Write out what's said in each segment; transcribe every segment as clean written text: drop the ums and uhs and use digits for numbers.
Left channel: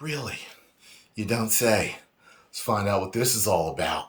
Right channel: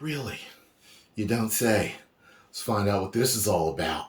Really? You don't say. Let's find out what this is all about.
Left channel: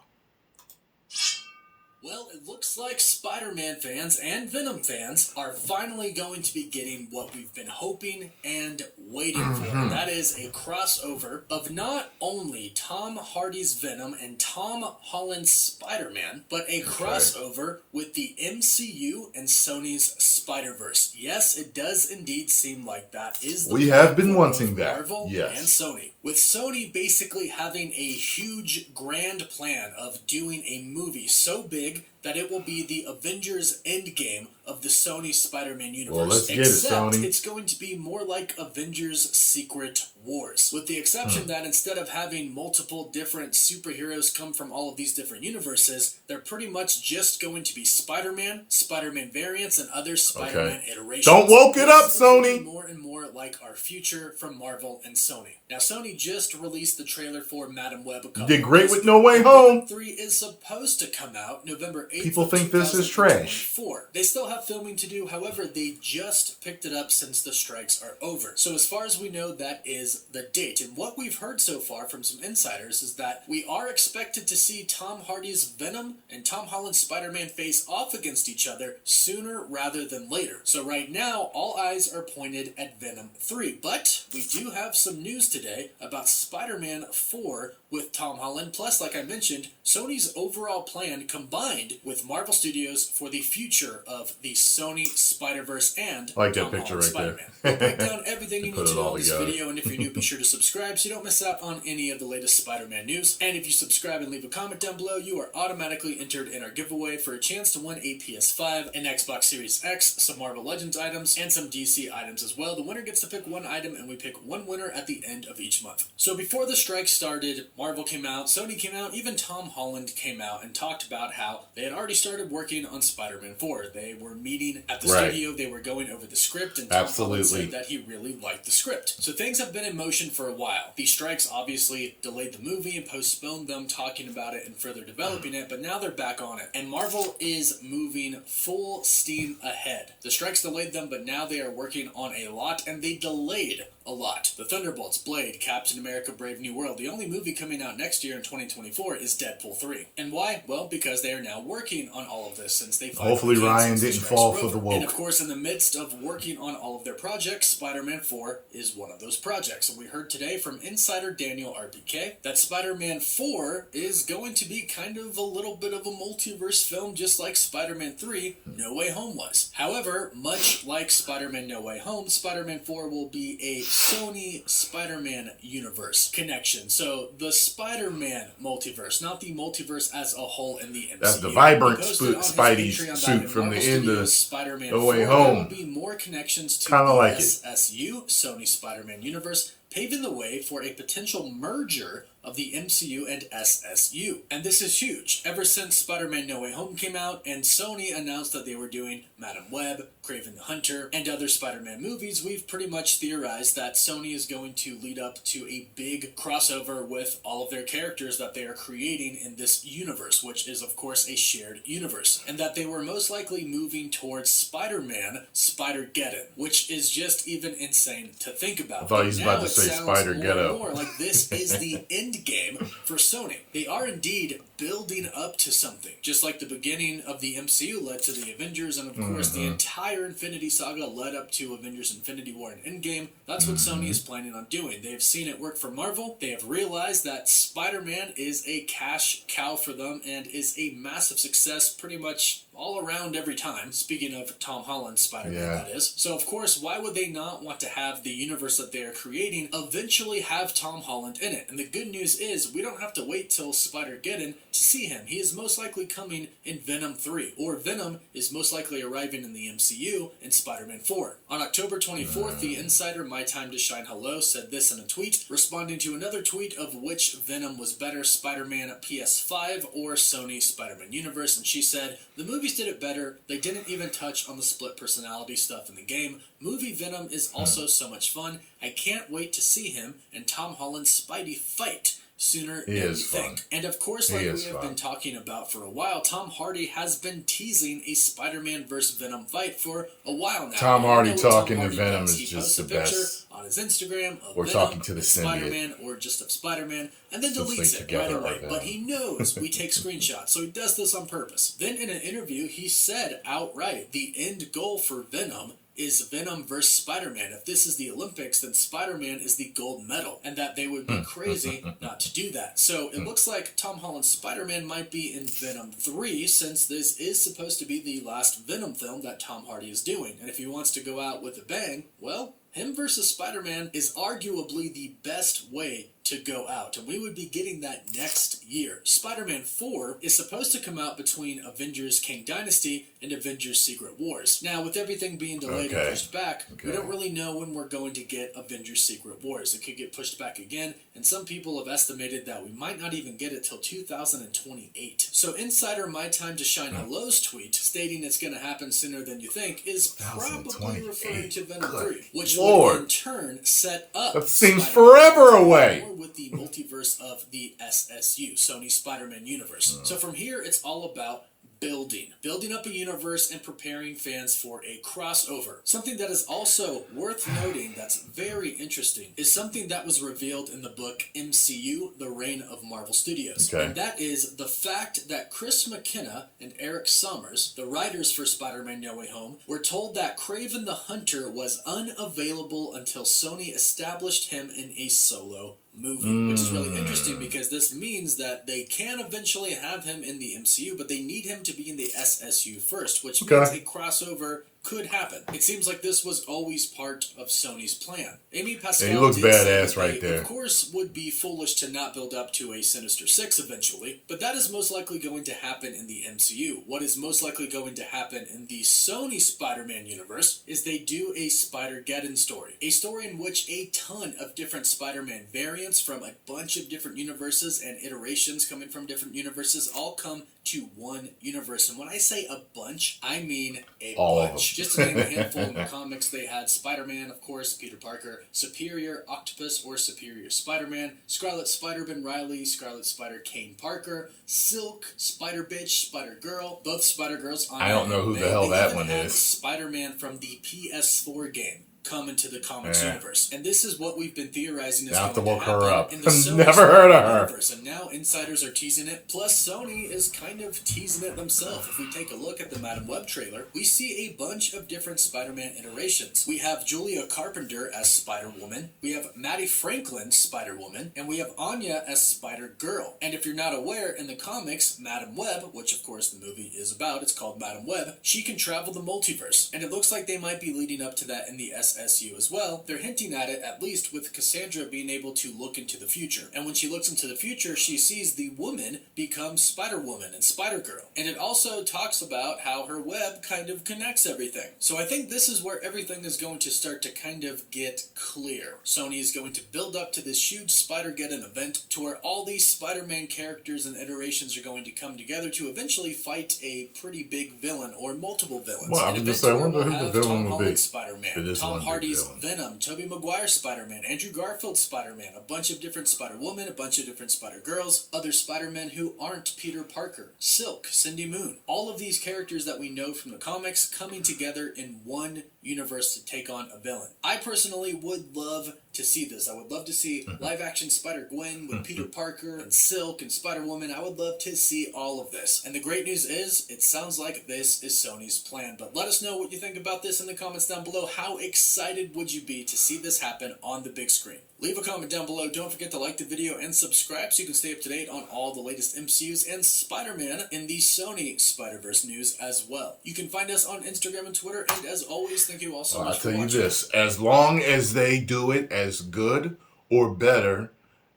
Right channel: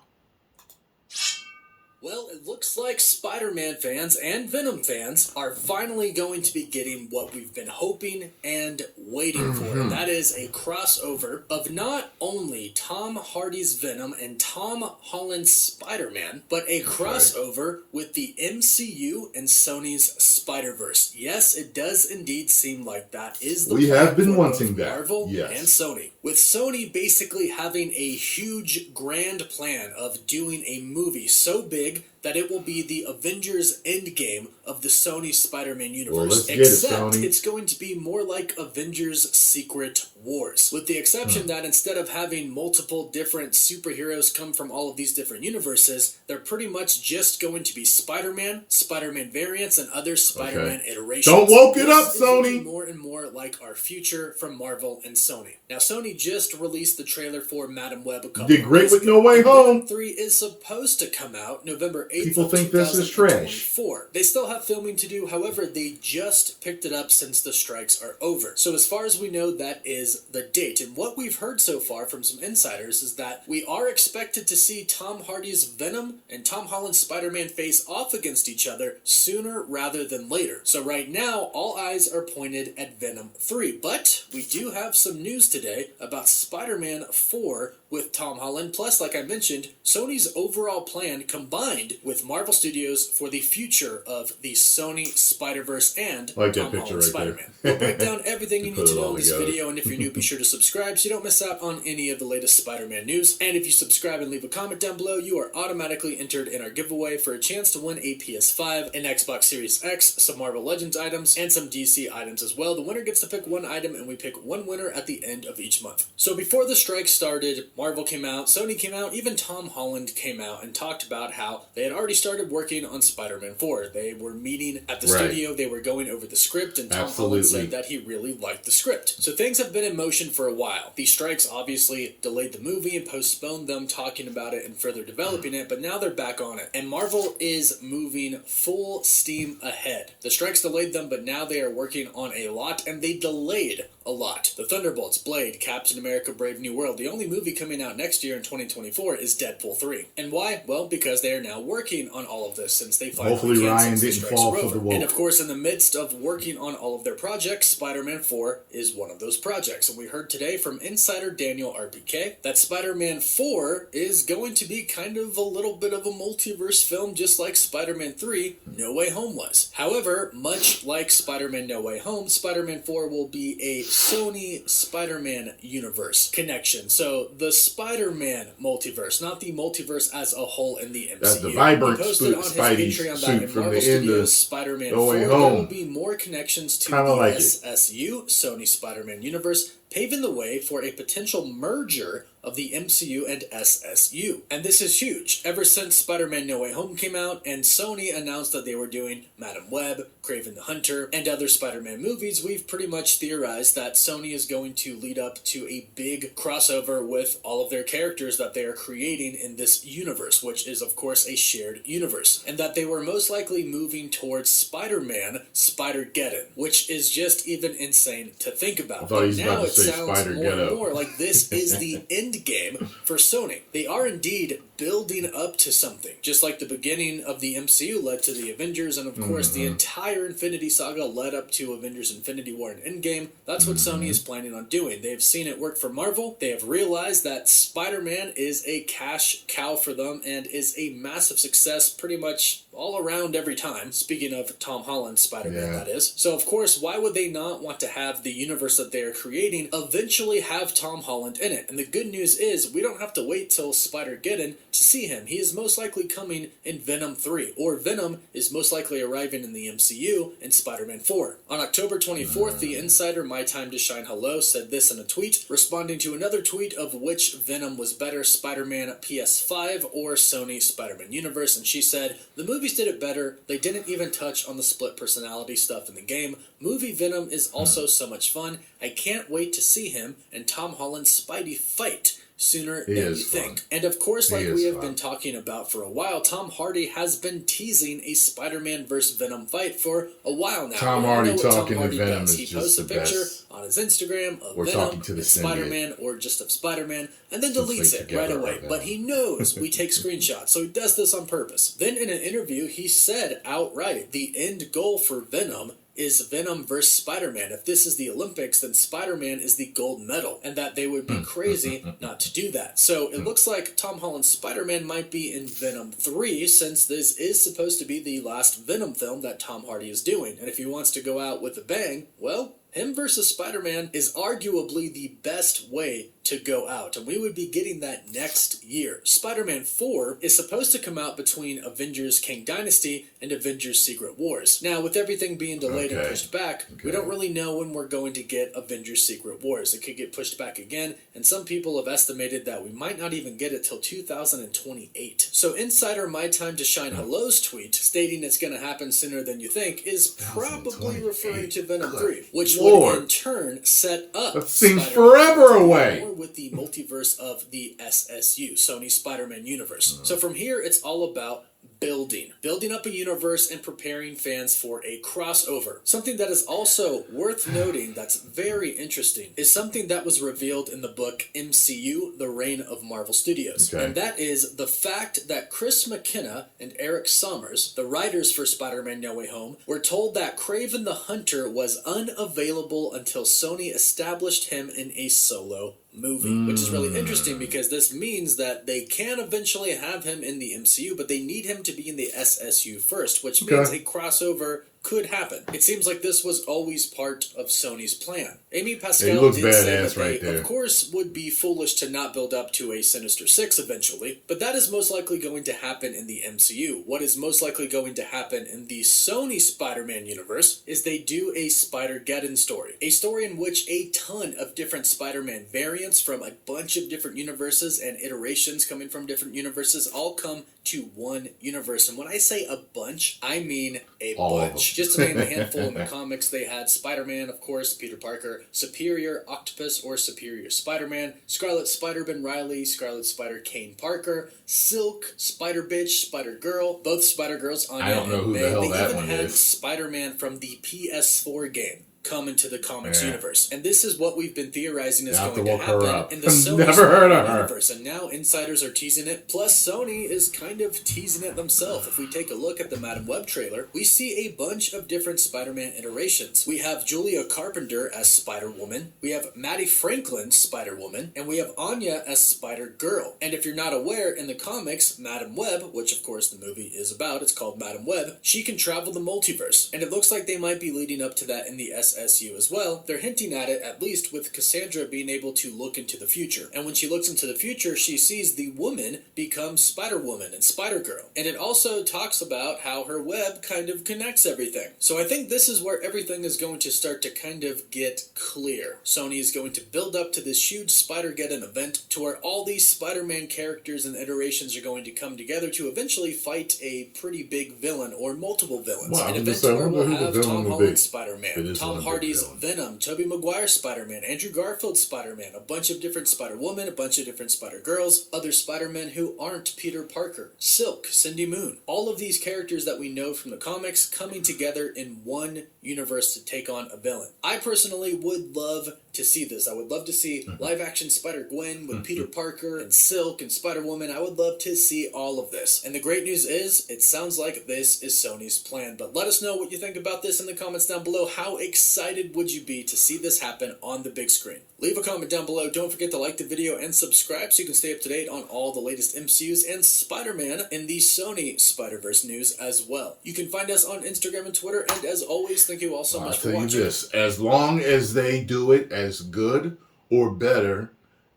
Well, it looks like Spider-Man fans and Venom fans are finally going to be getting what we've been hoping and waiting for. And that is a crossover of not only Tom Hardy's Venom and Tom Holland's Spider-Man, but a crossover with the MCU and Sony's Spider-Verse. Yes, it does indeed seem like that is the We have been for wanting both that. Marvel Yes. and Sony. With Sony basically having a huge grand plan of doing a movie so big that it will be the Avengers Endgame of the Sony Spider-Man universe. Well, let's get Except it, Sony. it's going to be more like Avengers Secret Wars. With the exception that instead of having multiple different superheroes come from all of these different universes, they're pretty much just going to be Spider-Man, Spider-Man variants, and other Spider-Man iterations. Don't woke it up, This is looking Sony. more and more like our future from Marvel and Sony. Now, Sony just released the trailer for Madam Web a couple Did great of with days No ago. Way And Home. Venom 3 is supposed to come out November 8th. People think this is trash. 2024. They still have filming to do, however, they just picked it up since the strikes are over. So as far as we know, that is the date. And what we've heard so far from some insiders is that we are expected to see Tom Hardy's Venom and Tom Holland's Spider-Man face off against each other sooner rather than later. So right now, all eyes are pointed at Venom 3. But we do have some news today about Spider-Man 4 with Tom Holland. Plus, like I mentioned, Sony's overall plan combined with Marvel Studios for the future of the Sony Spider-Verse and I like that Tom picture Holland right Spider-Man. there. We'll break down everything you Put need it to know all in this together. video, and if you're new, be sure to subscribe so you don't miss out on any of the latest Spider-Man news. And if you subscribe and leave a comment down below, you are automatically entered in our giveaway for a chance to win a PS5, an Xbox Series X, some Marvel Legends items, and some DC items as well. The winner gets to pick one item, and we pick one winner at the end of each month. So before the strike started, Marvel came out, Sony came out, even Tom Holland came out and talked about how they had already started working on Spider-Man 4. They were meeting at the studio, they were going over the script, and Tom Holland said that he really liked the script. So things have been in motion for a while. The strikes obviously delayed the movie and postponed them talking about it and further developing it, but now they're back on it. And Marvel is moving full steam ahead. The strikes delayed them, but now they are working on a lot, and they delayed a lot. The Thunderbolts, Blade, Captain America, Brave New World. The only movie coming out next year in 2024 is Deadpool 3. And why? Well, because they are now working on all of this since they finally Hopefully canceled Ryan the didn't strikes fall were for over. the woke. And of course, in the midst of working on all of their projects, Spider-Man 4 is one of those projects. And we heard today from insider Daniel RPK that Spider-Man 4 is going to be kind of a little bit of a multiverse film, just like Spider-Man 3 No Way Home was. However, much like Spider-Man No Way Home, Spider-Man 4 will be a Sony Spider-Man universe connection. So the Spider-Man multiverse, not the multiverse as a whole in the MCU. That's the vibrant He posted on his Spidey Patreon suit that from in the Marvel end of Studios Spider-Man No 4, Way there will Home. be more connections to Kinda the like it. SSU, Sony Spider-Man universe, paving the way for a potential merger of the MCU and SSU. And this is huge. Ever since Spider-Man No Way Home came out and Sony announced that they were doing Madam Web, Kraven the Hunter, and other Spider-Man movies, we've pretty much theorized that Sony is going to lead up to a big crossover with all of their characters that they are creating in this universe, which is of course a shared universe. And that they were most likely moving towards Spider-Man Spider-Geddon, which is just even insane to think about. I thought he was about to It say sounds more Spider-Ghetto. and more like this is the end game for Sony. They are indeed building up to something, just like the beginning of the MCU led to the Avengers, and of course the entire Infinity Saga led up to Avengers Infinity War and Endgame. That's what Sony is planning on doing. They've seen it work for Marvel. They have realized that Spider-Man is a cash cow for them and is a massive success pretty much all around every time. Speaking of Tom Holland's Spider-Man, that is. So of course, why would they not want to have the universe that they are creating eventually have Tom Holland in it? And the good news is we don't have to wait till Spider-Geddon to see him. He is most likely coming in Venom 3, or Venom is most likely arriving in the MCU in Spider-Man 4. On October 24th, the insider My Time to Shine Hello said this in a tweet, responding to another tweet of which Venom was better, Spider-Man PS5 or Sony Spider-Man universe, and she said, "The movies did it better. They didn't even touch on the split personality stuff in the game. Movie Venom is also so much fun. I can't wait to see him and Tom Holland's Spidey fight. sooner He than you is fun. think. And of course, like He we is have fun. been talking about for a while, Tom Hardy has been teasing a Spider-Man vs. Venom fight for a while now. Tom We all Hardy know what talking Tom to Hardy Venom does. is He just posts the a picture best. on his Instagram of Or Venom talking to the and symbiote. Spider-Man, or just of Spider-Man, and then Since deletes they it together right away. are But Venom. he knows we take screenshots, so he does this on purpose. Then in an interview, he said outright, the end goal for Venom is Venom versus Spider-Man. If this is the Olympics, then Spider-Man is the gold medal, and that they would be crazy not to do that. So it looks like Tom Holland's Spider-Man might be in Venom 3, since this is supposed to be the last Venom film that Tom Hardy is doing. And if he wants to go out with a bang, well, him versus Spider-Man is arguably the best way to go out, and we would be getting that next year. Spider-Man 4 is supposed to come out between Avengers Kang Dynasty and Avengers Secret Wars. Now, with everything being delayed and pushed back, we don't really know when we're going to get Avengers Secret Wars. It could get pushed back again, and some people have estimated that we might not even get it till 2028. So Insider My Time to Shine Hello's tweet, stating it's going to happen sooner than you think, is probably referring to Venom 3, which would in turn set up That seems Spider-Man forever away. with the multiverse of the SSU, Sony Spider-Man universe. So from here, it's all about building up a universe and preparing fans for a crossover. Something that is also worth noting that's very interesting is something that was revealed in the book MCU, The Reign of Marvel Studios. Okay. And that is the fact that Chris McKenna and Eric Sommers, the writers for Spider-Man No Way Home, were told that Kraven the Hunter was unavailable until Sony established him in a solo movie, which is really interesting because this means that they can eventually have him in the MCU, but they need him to be in the SSU first, which means a crossover could happen. It seems like this was always part of Sony's plan. Amy Pascal did say that they, of course, would be foolish to not build up to a Sinister Six eventually, but that is most likely going to happen in the MCU. What is most likely going to happen in the Sony Spider-Man universe is they do a Spider-Geddon story. A story in which a ton of different Spider-Man variants from a bunch of different universes and iterations coming from different universes all come to one universe. And when I say a bunch, I mean a bunch. Just to name a handful, in the comics, they had Spider-Man, of course, Peter Parker, Superior Octopus or Superior Spider-Man, Scarlet Spider-Ben Riley, Scarlet Spider Kane Parker, Silk, Spider-Bitch, Spider-Girl, both Spider-Girls on I don't know who the hell that one is. They even had Spider-Man from the PS4 game come into the comics universe. And this is what we've been theorizing is going to happen in the Sony universe. And now insiders are teasing it. Plus, Sony is kind of teasing it themselves. If we take a look at the Madam Web trailer, we see a bunch of different Spider-Man iterations. We have Julia Carpenter as Spider-Woman. We have Maddie Franklin, Spider-Woman. And we have Anya as Spider-Girl. And if you're not aware, in the comics, Madam Web, which of course the movie is about, it's called Madam Web, she can travel the multiverse. And it looks like they might be leading up to that in the SSU as well. They're hinting at it, at least with Cassandra being able to look into the future. And when she looks into the future, she sees the woman become Spider-Woman and Spider-Girl. And it also talks about how her web kind of connects everything. So I think this is where everything is going to start to kind of get clear. Sony is going to build up to this huge Spider-Geddon event to where all these Spider-Man characters and iterations are going to come together to eventually fight a pretty big villain or multiple villains. Well, An event where we'll have Tom Holland's Spider-Man, Tom Hardy's Venom, Tobey Maguire's Spider-Man, Andrew Garfield's Spider-Man, a bunch of different Spider-Woman, a bunch of different Spider-Girls, other Spider-Men who aren't Peter Parker, Silk, Cindy Moon. All of these characters that we know from the comics coming together in one universe to take on a villain. I personally would love to see this. I would love to see live-action Spider-Gwen with Peter Parker and Silk and Spider-Woman. I would love to see all of this. And the great news is, it sounds like this is Sony's plan. But let us know what you think about this in the comments down below. How excited would you be to see this happen on the big screen? Leave a comment down below. Don't forget to like the video and subscribe so you can stay up to date on all the latest MCUs and Spider-Man in the Sony Spider-Verse news as well. You can find us on Instagram and Twitter. And as always, thank you all so much for watching. I'll tell you this, as long as they do it as good or better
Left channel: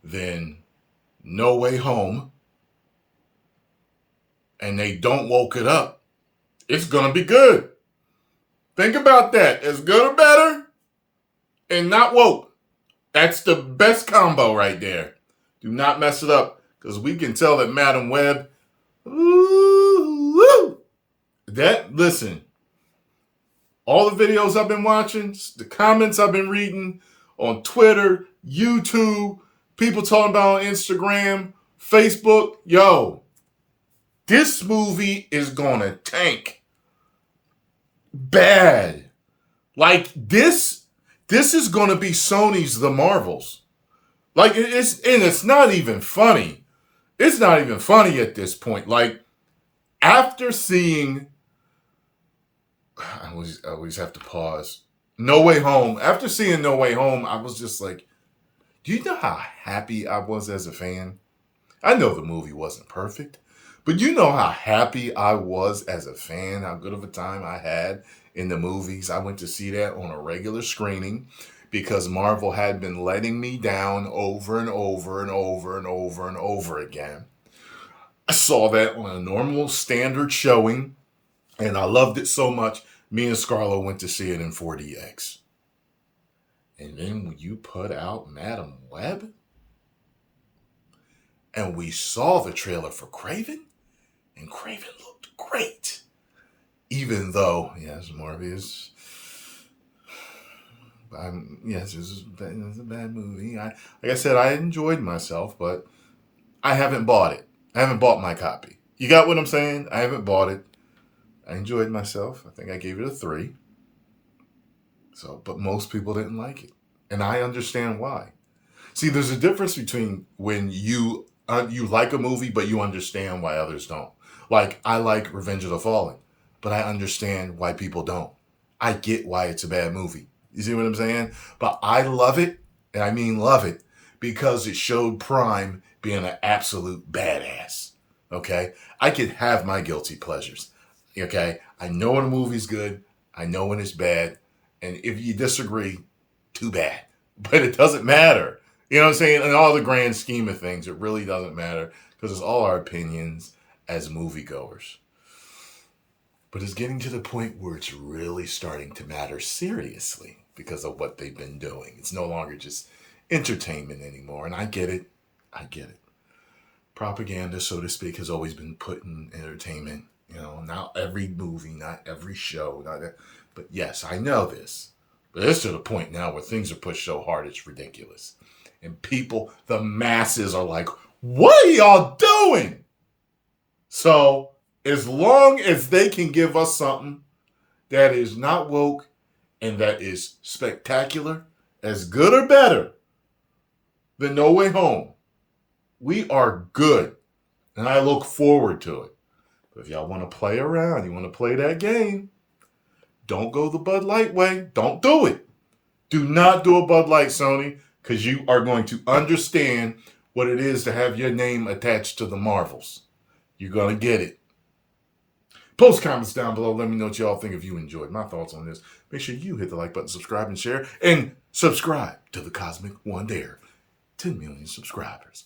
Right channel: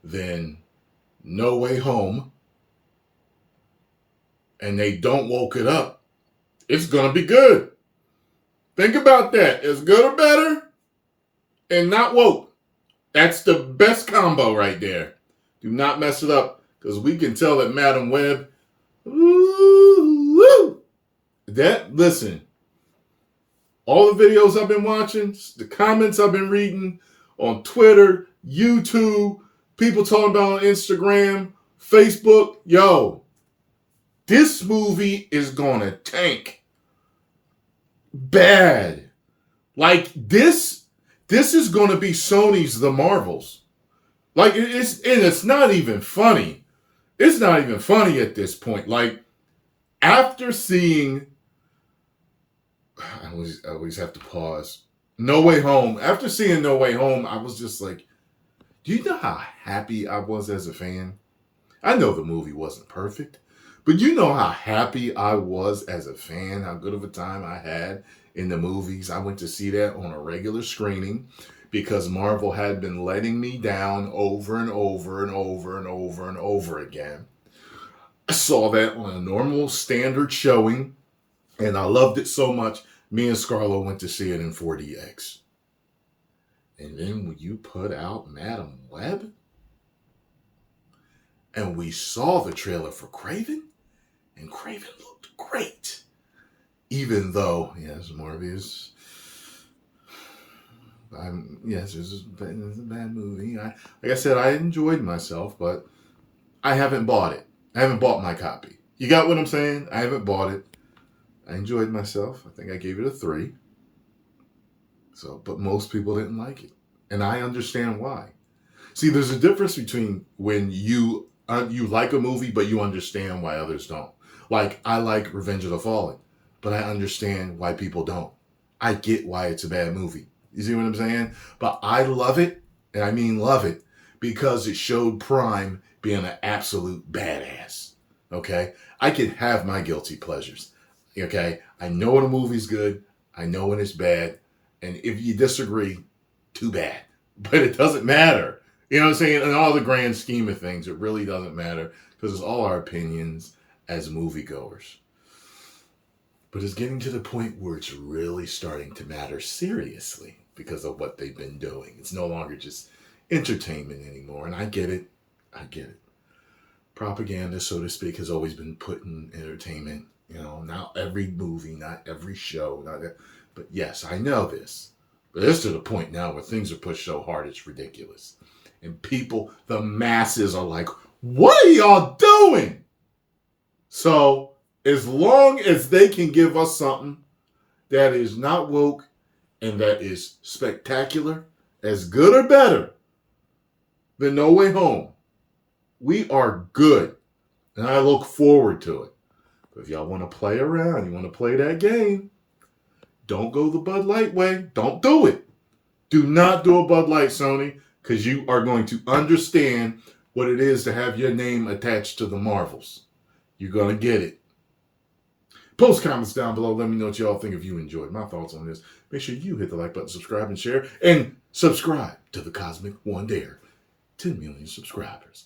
than No Way Home, and they don't woke it up, it's going to be good. Think about that. As good or better and not woke. That's the best combo right there. Do not mess it up, because we can tell that Madam Web, listen, all the videos I've been watching, the comments I've been reading on Twitter, YouTube, people talking about on Instagram, Facebook. Yo, this movie is gonna tank bad. Like this is gonna be Sony's The Marvels. Like it's not even funny. It's not even funny at this point. Like after seeing, I always have to pause. No Way Home. After seeing No Way Home, I was just like, do you know how happy I was as a fan? I know the movie wasn't perfect, but you know how happy I was as a fan, how good of a time I had in the movies. I went to see that on a regular screening because Marvel had been letting me down over and over and over and over and over again. I saw that on a normal standard showing, and I loved it so much. Me and Scarlett went to see it in 4DX. And then when you put out Madam Web, and we saw the trailer for Kraven, and Kraven looked great. Even though, yes, Morbius, yes, it's a bad movie. Like I said, I enjoyed myself, but I haven't bought it. I haven't bought my copy. You got what I'm saying? I haven't bought it. I enjoyed myself. I think I gave it a 3. So, but most people didn't like it. And I understand why. See, there's a difference between when you like a movie, but you understand why others don't. Like, I like Revenge of the Fallen, but I understand why people don't. I get why it's a bad movie. You see what I'm saying? But I love it, and I mean love it, because it showed Prime being an absolute badass. Okay? I can have my guilty pleasures. Okay? I know when a movie's good. I know when it's bad. And if you disagree, too bad. But it doesn't matter. You know what I'm saying? In all the grand scheme of things, it really doesn't matter because it's all our opinions as moviegoers. But it's getting to the point where it's really starting to matter seriously because of what they've been doing. It's no longer just entertainment anymore. And I get it. I get it. Propaganda, so to speak, has always been put in entertainment. You know, not every movie, not every show, not that. But yes, I know this. But it's to the point now where things are pushed so hard, it's ridiculous. And people, the masses are like, what are y'all doing? So as long as they can give us something that is not woke and that is spectacular, as good or better than No Way Home, we are good. And I look forward to it. But if y'all want to play around, you want to play that game, don't go the Bud Light way. Don't do it. Do not do a Bud Light, Sony, because you are going to understand what it is to have your name attached to the Marvels. You're going to get it. Post comments down below. Let me know what y'all think if you enjoyed my thoughts on this. Make sure you hit the like button, subscribe, and share. And subscribe to the Cosmic One Dare. 10 million subscribers.